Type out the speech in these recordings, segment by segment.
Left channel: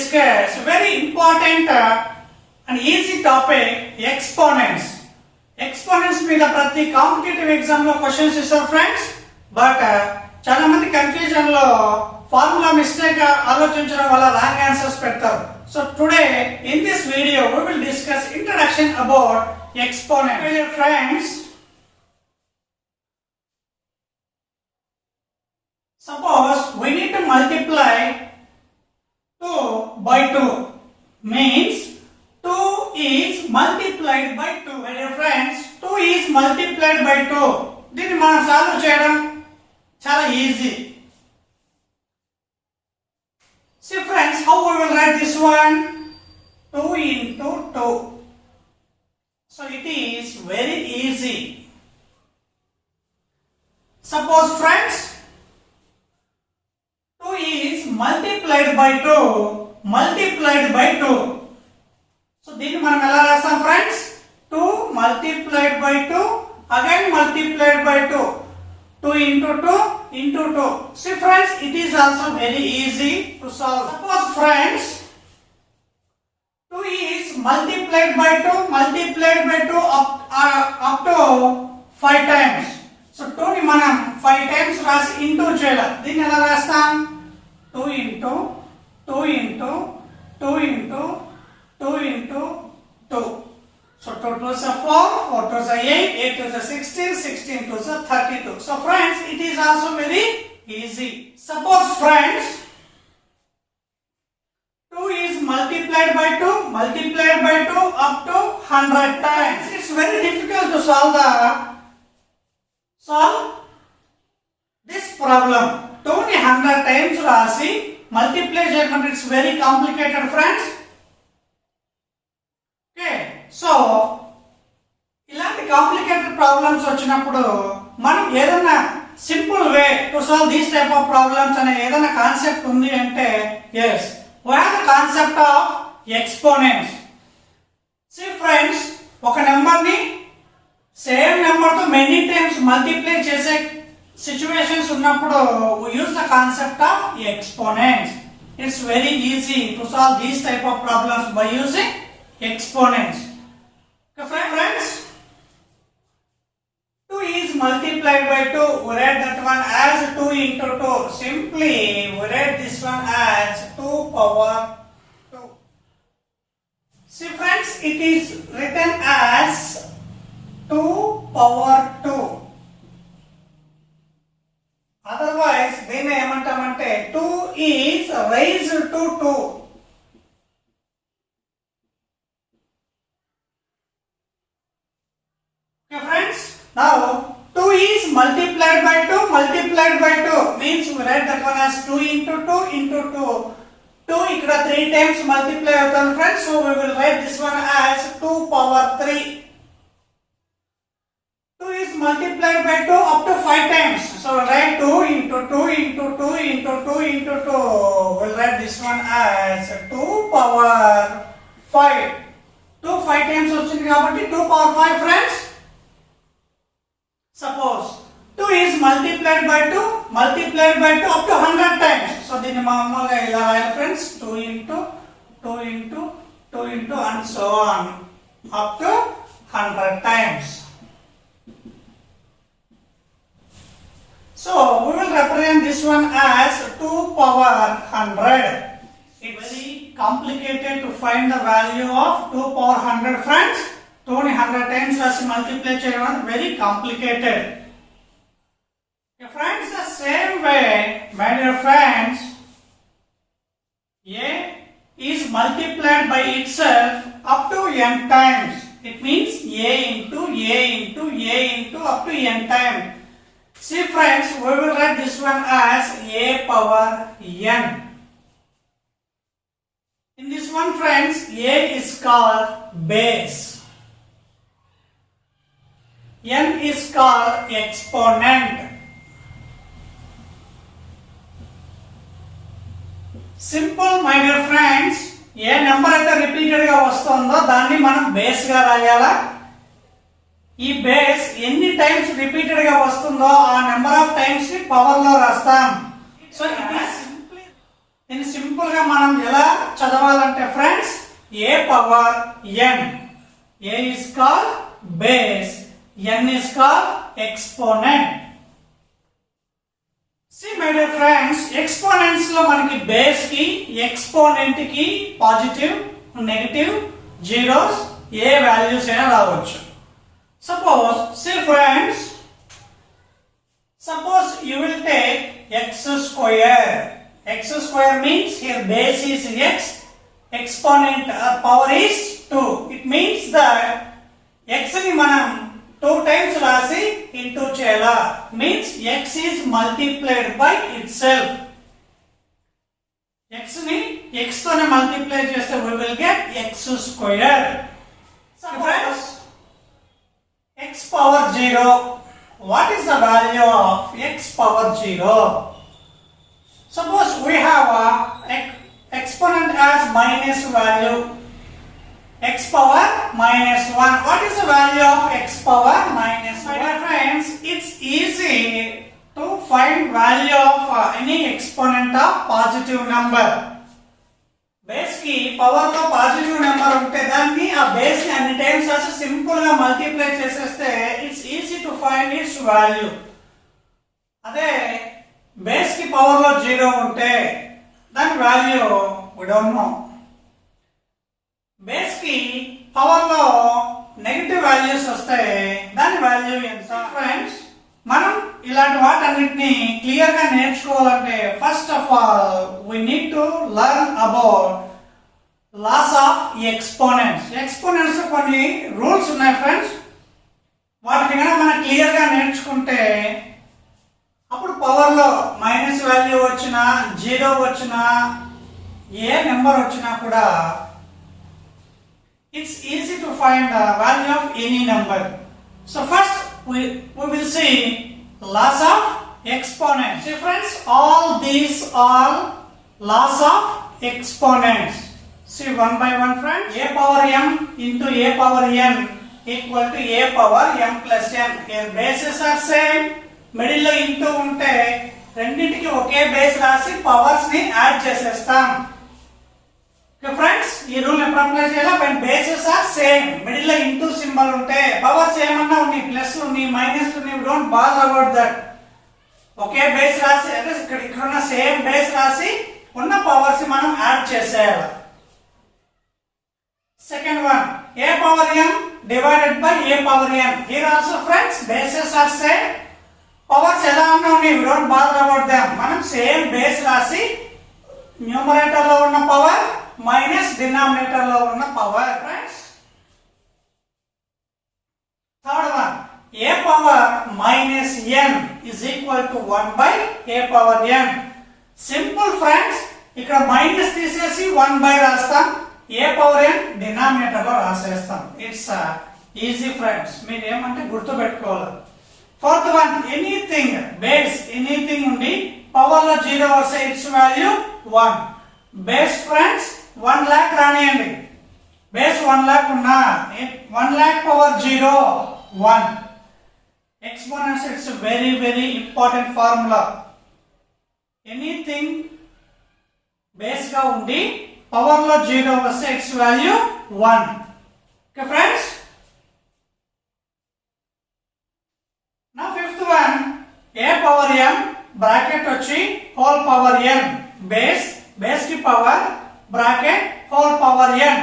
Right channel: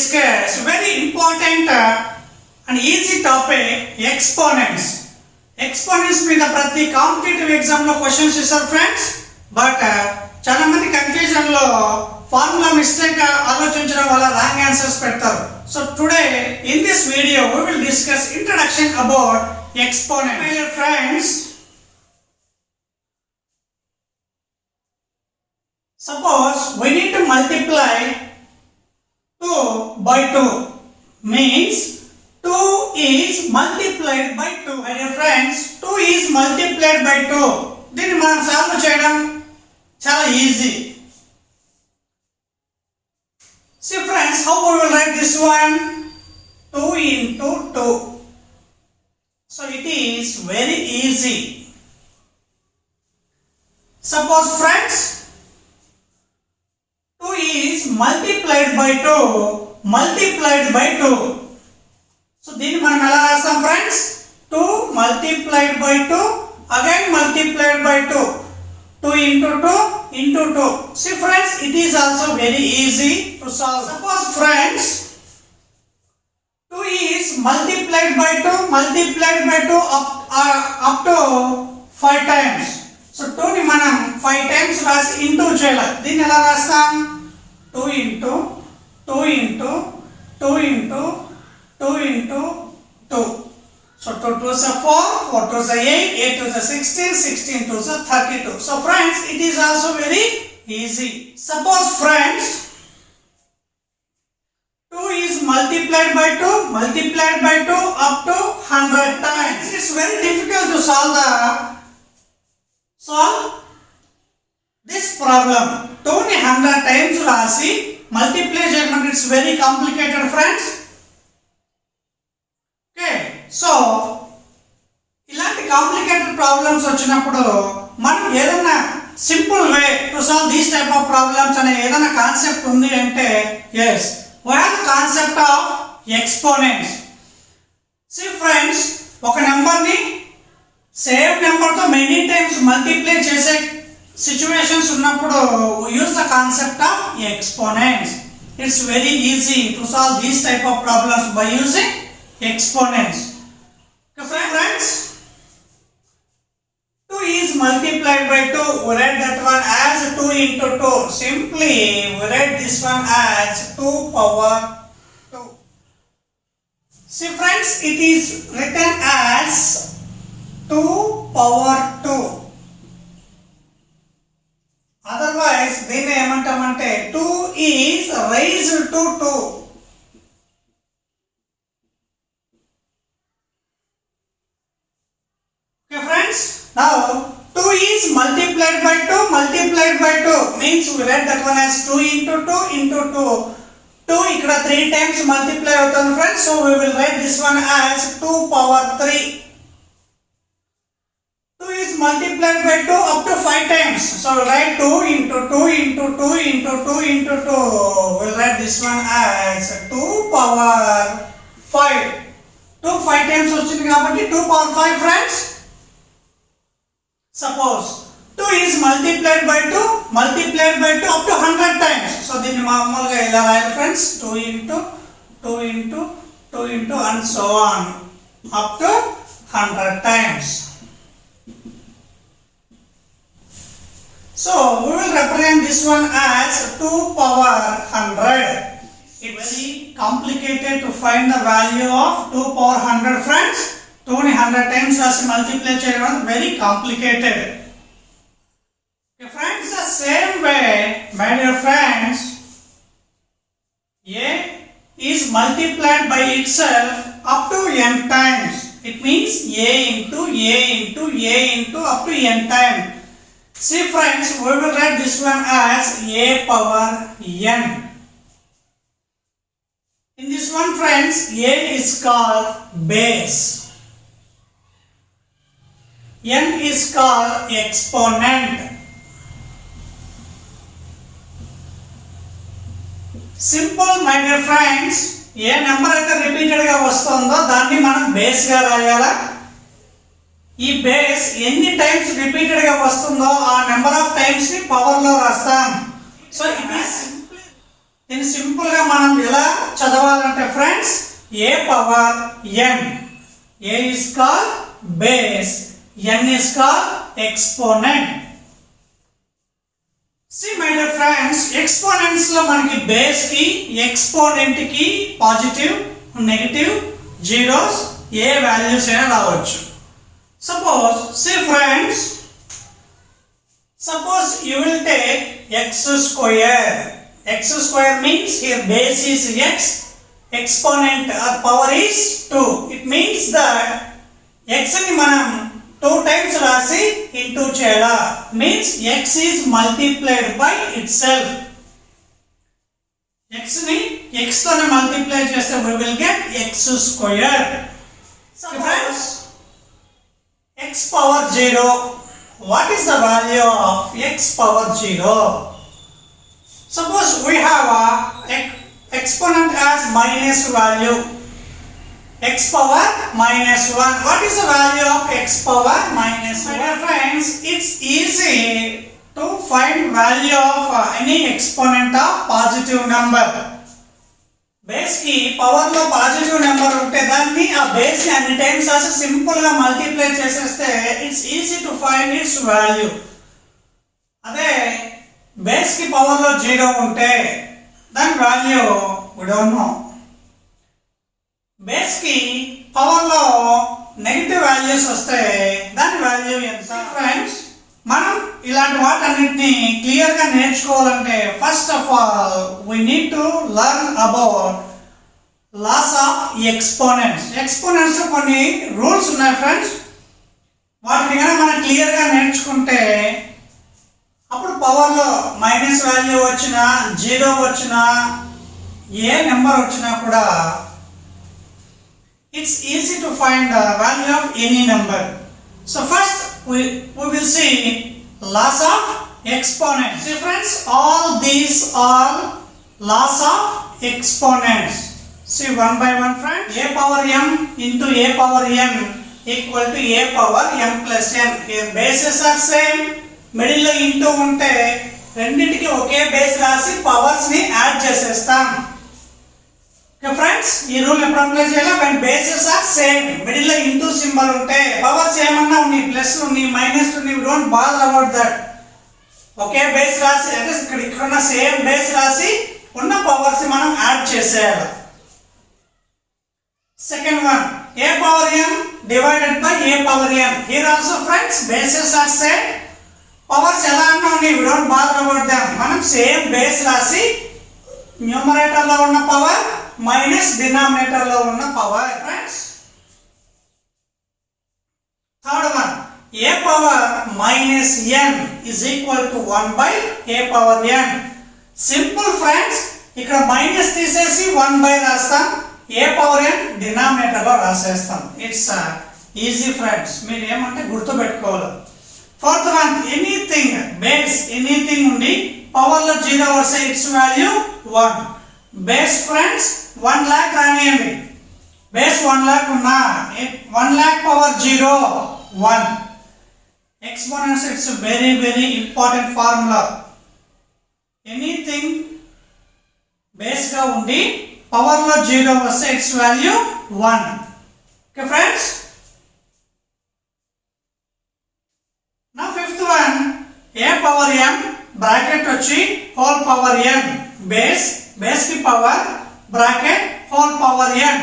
discuss very important and easy topic, exponents. Exponents మీద ప్రతి competitive exam లో క్వశ్చన్స్ ఇస్తారు ఫ్రెండ్స్. బట్ చాలా మంది కన్ఫ్యూజన్ లో ఫార్ములా మిస్టేక్ ఆలోచించడం వల్ల రాంగ్ ఆన్సర్స్ పెడతారు. So today in this video we will discuss introduction about exponent. Dear friends, suppose we need to multiply 2 by 2 means 2 is multiplied by 2. My dear friends, 2 is multiplied by 2. దీన్ని మనం సాల్వ్ చేయడం చాలా easy. See friends, how we will write this one? 2 into 2. So it is very easy. Suppose friends, 2 is multiplied by 2 multiplied by 2. So దీన్ని మనం ఎలా రాస్తాం ఫ్రెండ్స్? 2 multiplied by 2 again multiplied by 2. 2 into 2 into 2. See friends, it is also very easy to solve. Suppose friends, 2 is multiplied by 2 multiplied by 2 up to 5 times. So 2 ని మనం 5 times రాసి ఇంటూ చేయాలి. దీన్ని ఎలా రాస్తాం? 2 into 2 into 2 into 2 into 2. So 2 2s are 4, 4 2s are 8, 8 2s are 16, 16 2s are 32. So friends, it is also very easy. Suppose friends, 2 is multiplied by 2 multiplied by 2 up to 100 times. It is very difficult to solve this problem. 2 ni 100 times rasi multiply cheyalante, it's very complicated friends. Okay, so ఇలాంటి complicated problems వచ్చినప్పుడు మనం ఏదైనా simple way to solve these type of problems అనే ఏదైనా కాన్సెప్ట్ ఉంది అంటే yes, we have the concept of exponents. See friends, ఒక నెంబర్ ని సేమ్ నెంబర్ తో మెనీ టైమ్స్ మల్టిప్లై చేసే situations ఉన్నప్పుడు we use the concept of exponents. It's very easy to solve these type of problems by using exponents. Okay friends, 2 is multiplied by 2. We write that one as 2 into 2. Simply we write this one as 2 power 2. See friends, it is written as 2 power 2. Otherwise దీన్ని ఏమంటామంటే 2 is raised to 2. Okay friends, now 2 is multiplied by 2 multiplied by 2 means we write that one as 2 into 2 into 2. 2 ఇక్కడ 3 times multiply అవుతుంది friends, so we will write this one as 2 power 3. 2 is multiplied by 2 up to 5 times, so we'll write 2 into 2 into 2 into 2 into 2. We'll write this one as 2 power 5. 2 5 times వచ్చింది కాబట్టి 2 power 5 friends. Suppose 2 is multiplied by 2 multiplied by 2 up to 100 times. So దీన్ని మామూలుగా ఇలా రాయాలి friends, 2 into 2 into 2 into and so on up to 100 times. So we will represent this one as 2 power 100. It's very complicated to find the value of 2 power 100 friends. 2 ni 100 times rasi multiply cheyadam very complicated. Okay friends, the same way my dear friends, a is multiplied by itself up to n times. It means a into a into a into up to n times. See friends, we will write this one as a power n. In this one friends, a is called base, n is called exponent. Simple my dear friends, ఏ నెంబర్ అయితే రిపీటెడ్ గా వస్తుందో దాన్ని మనం బేస్ గా రాయాలా. ఈ బేస్ ఎన్ని times repeated గా వస్తుందో ఆ నెంబర్ ఆఫ్ టైమ్స్ ని పవర్ లో రాస్తాం. సో ఇట్ ఈస్ దీన్ని సింపుల్ గా మనం ఎలా చదవాలంటే friends a power n. a is called base, n is called exponent. See my dear friends, exponents లో మనకి బేస్ కి ఎక్స్పోనెంట్ కి పాజిటివ్ నెగటివ్ జీరోస్ ఏ వాల్యూస్ అయినా రావచ్చు. Suppose see friends, suppose you will take x square. X square means here base is x, exponent or power is 2. It means that x ni manam 2 times rasi into cheyala, means x is multiplied by itself. X ni x tone multiply cheste we will get x square. So friends, x power 0, what is the value of x power 0? Suppose we have a exponent as minus value, x power minus 1. What is the value of x power minus 1? My friends, it's easy to find value of any exponent of positive number. Base ki power lo positive number unte danni a base ni అన్ని times as simple ga multiply cheseste it's easy to find its value. అదే బేస్ కి పవర్ లో 0 ఉంటే దాని value we don't know. Base కి పవర్ లో negative values వస్తే దాని వాల్యూ ఎంత? ఫ్రెండ్స్, మనం ఇలాంటి వాటన్నిటిని క్లియర్ గా నేర్చుకోవాలంటే first of all we need to learn about laws of exponents. Exponents కొన్ని రూల్స్ ఉన్నాయి ఫ్రెండ్స్, వాటిని కనుక మనం క్లియర్ గా నేర్చుకుంటే అప్పుడు పవర్ లో మైనస్ వాల్యూ వచ్చినా 0 వచ్చినా ఏ నెంబర్ వచ్చినా కూడా it's easy to find the value of any number. So first we will see laws of exponents. See friends, all these are laws of exponents. See one by one friends. A power m into a power n equal to a power m plus n. Here bases are same, middle లో ఇంటూ ఉంటే రెండింటికి ఒకే బేస్ రాసి పవర్స్ ని యాడ్ చేసేస్తాం. Okay friends, ఈ రూల్ ఎప్పుడు అప్లై చేయాలి? when bases are same, middle లో ఇంటూ సింబల్ ఉంటే పవర్స్ ఏమన్నా ఉన్నాయి, ప్లస్ ఉన్నాయి మైనస్ ఉన్నాయి, we don't bother about that. ఒకే బేస్ రాసి అంటే ఇక్కడ ఉన్న సేమ్ బేస్ రాసి ఉన్న పవర్స్ మనం యాడ్ చేసేయాలి. Second one, a power m divided by a power n. Here also friends, bases are same, powers ఎలా అన్నా ఉన్నాయి, we don't bother about them. మనం సేమ్ బేస్ రాసి న్యూమరేటర్ లో ఉన్న పవర్ మైనస్ డినామినేటర్ లో ఉన్న power. Friends, third one, a power minus n is equal to 1 by a power n. Simple friends, ఇక్కడ మైనస్ తీసేసి 1 by రాస్తాం, a పవర్ n డినామినేటర్ లో రాసేస్తాం. ఇట్స్ ఈజీ ఫ్రెండ్స్, మీరు ఏమంటే గుర్తు పెట్టుకోవాలి. Fourth one, anything base anything ఉండి పవర్ లో 0 వస్తే it's value 1. Base friends 1 lakh రానియండి, బేస్ 1 lakh ఉన్నా 1 lakh power 0 1. Exponents it's very very important formula. Anything base గా ఉండి పవర్ లో 0 వస్తే it's value 1. Okay friends, now fifth one, a power m bracket వచ్చి whole power n, బేస్ కి power bracket whole power n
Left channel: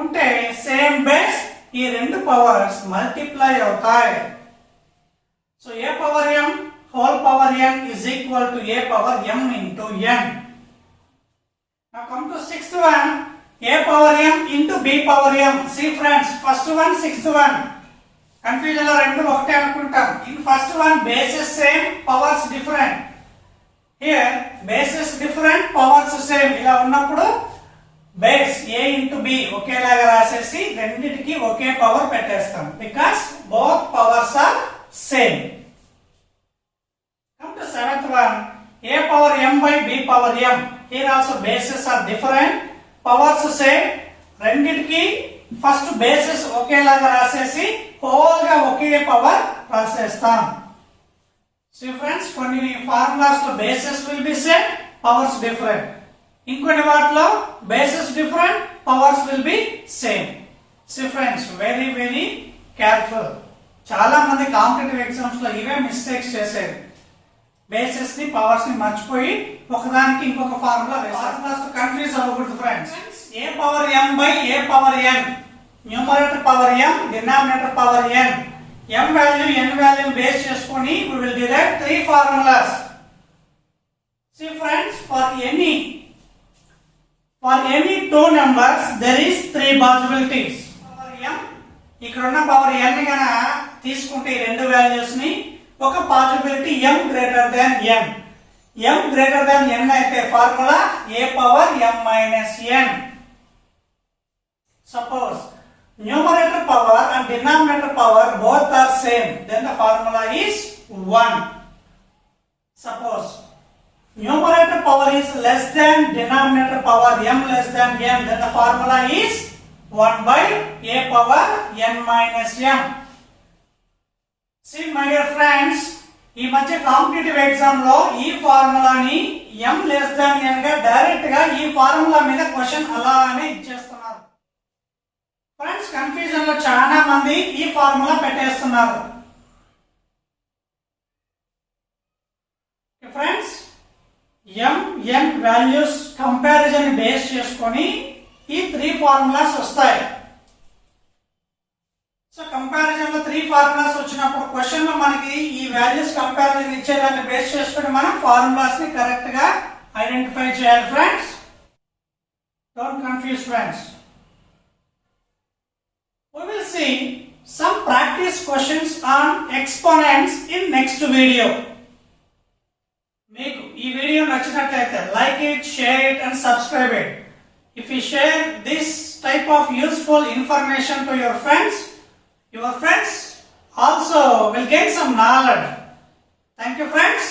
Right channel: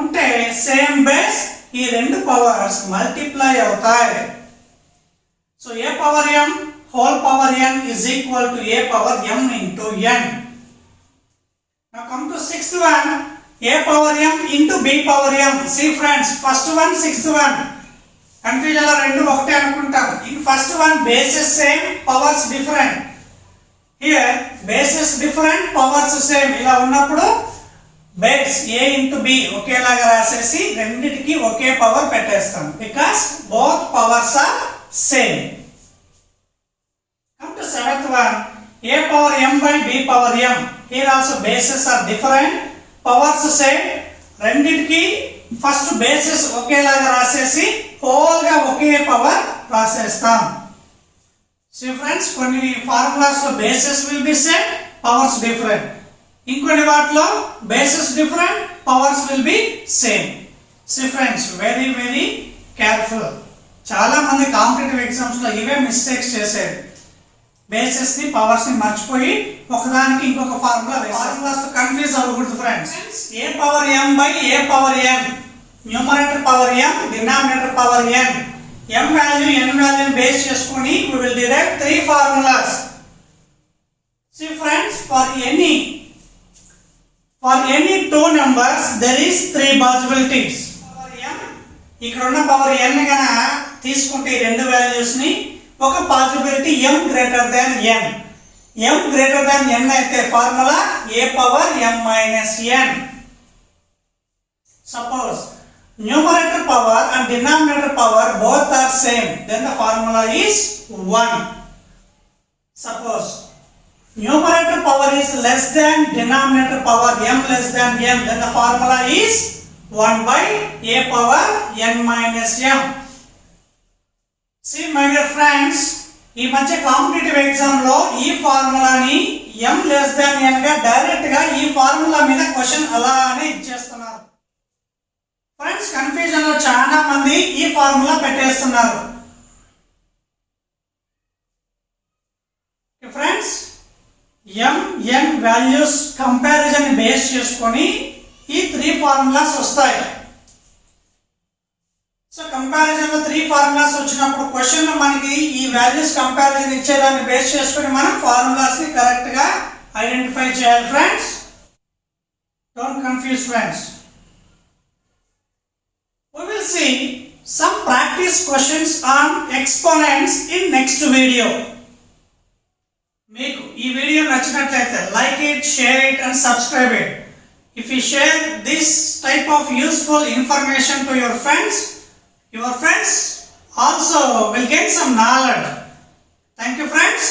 ఉంటే same base ఈ రెండు powers multiply అవుతాయి. So a power m whole power n is equal to a power m into n. Now come to sixth one, a power m into b power m. See friends, first one sixth one confusion లో రెండు ఒకటే అనుకుంటాం. In first one bases same, powers different. Here bases different, powers same. ఇలా ఉన్నప్పుడు base a into b ఒకేలాగా రాసేసి రెండింటికి ఒకే పవర్ పెట్టేస్తాం, because both powers are same. Come to seventh one, a power m by b power m. Here also bases are different, powers same. రెండింటికి first bases ఒకేలాగా రాసేసి హోల్ గా ఒకే పవర్ రాసేస్తాం. సో ఫ్రెండ్స్, కొన్ని ఫార్ములాస్ లో bases will be same, powers different. ఇంకొన్ని వాటిలో bases different, powers will be same. See friends, very very careful. చాలా మంది కాంపిటేటివ్ ఎగ్జామ్స్ లో ఇవే మిస్టేక్స్ చేసేది. బేసెస్ ని పవర్స్ ని మర్చిపోయి ఒకదానికి ఇంకొక ఫార్ములా వేస్తారు. కన్ఫ్యూజ్ అవ్వకూడదు ఫ్రెండ్స్. ఏ power m by A power n, numerator power m, denominator power n. m value n value base చేసుకొని we will derive three formulas. See friends, for any two numbers there is three possibilities. ఇక్కడ ఉన్న power n గన తీసుకుంటే ఈ రెండు వాల్యూస్ ని ఒక possibility m greater than n. m greater than n అయితే formula a power m minus n. Suppose numerator power and denominator power both are same, then the formula is 1. Suppose numerator power is less than denominator power m less than m, then the formula is 1 by a power n minus m. See my dear friends, ఈ మధ్య competitive exam లో ఈ ఫార్ములాని m less than n గా డైరెక్ట్ గా ఈ ఫార్ములా మీద క్వశ్చన్ అలానే ఇచ్చేస్తున్నారు. ఫ్రెండ్స్, కన్ఫ్యూజన్ లో చాలా మంది ఈ ఫార్ములా పెట్టేస్తున్నారు. Friends, m n values comparison base చేసుకొని ఈ త్రీ ఫార్ములాస్ వస్తాయి. సో కంపారిజన్ లో త్రీ ఫార్ములాస్ వచ్చినప్పుడు క్వశ్చన్ లో మనకి ఈ వాల్యూస్ కంపారిజన్ ఇచ్చేదాన్ని బేస్ చేసుకొని మనం ఫార్ములాస్ ని కరెక్ట్ గా ఐడెంటిఫై చేయాలి. Friends, don't confuse friends. We will see some practice questions on exponents in next video. మీకు ఈ వీడియో నచ్చినట్లయితే like it, share it and subscribe it. If you share this type of useful information to your friends also will gain some knowledge. Thank you friends.